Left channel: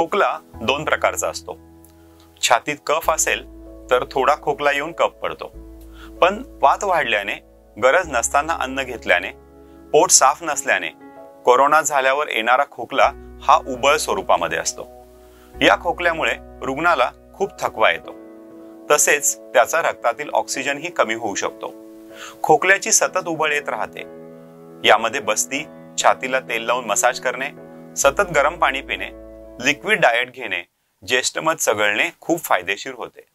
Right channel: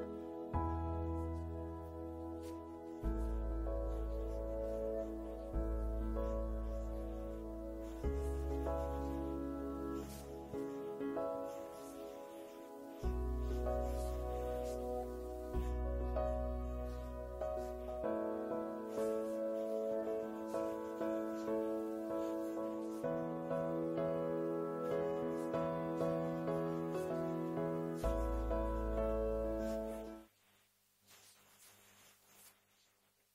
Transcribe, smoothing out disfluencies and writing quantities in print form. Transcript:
खोकला दोन प्रकारचा असतो. छातीत कफ असेल तर थोडा खोकला येऊन कफ पडतो, पण वात वाढल्याने, गरज नसताना अन्न घेतल्याने, पोट साफ नसल्याने कोरोना झाल्यावर येणारा खोकला हा उबळ स्वरूपामध्ये असतो. या खोकल्यामुळे रुग्णाला खूप थकवा येतो, तसेच त्याचा रक्तातील ऑक्सिजनही कमी होऊ शकतो. खोकल्याची सतत उबळ येत राहते. यामध्ये बस्ती, छातीला तेल लावून मसाज करणे, सतत गरम पाणी पिणे, लिक्विड डाएट घेणे, ज्येष्ठमध चघळणे खूप फायदेशीर होते.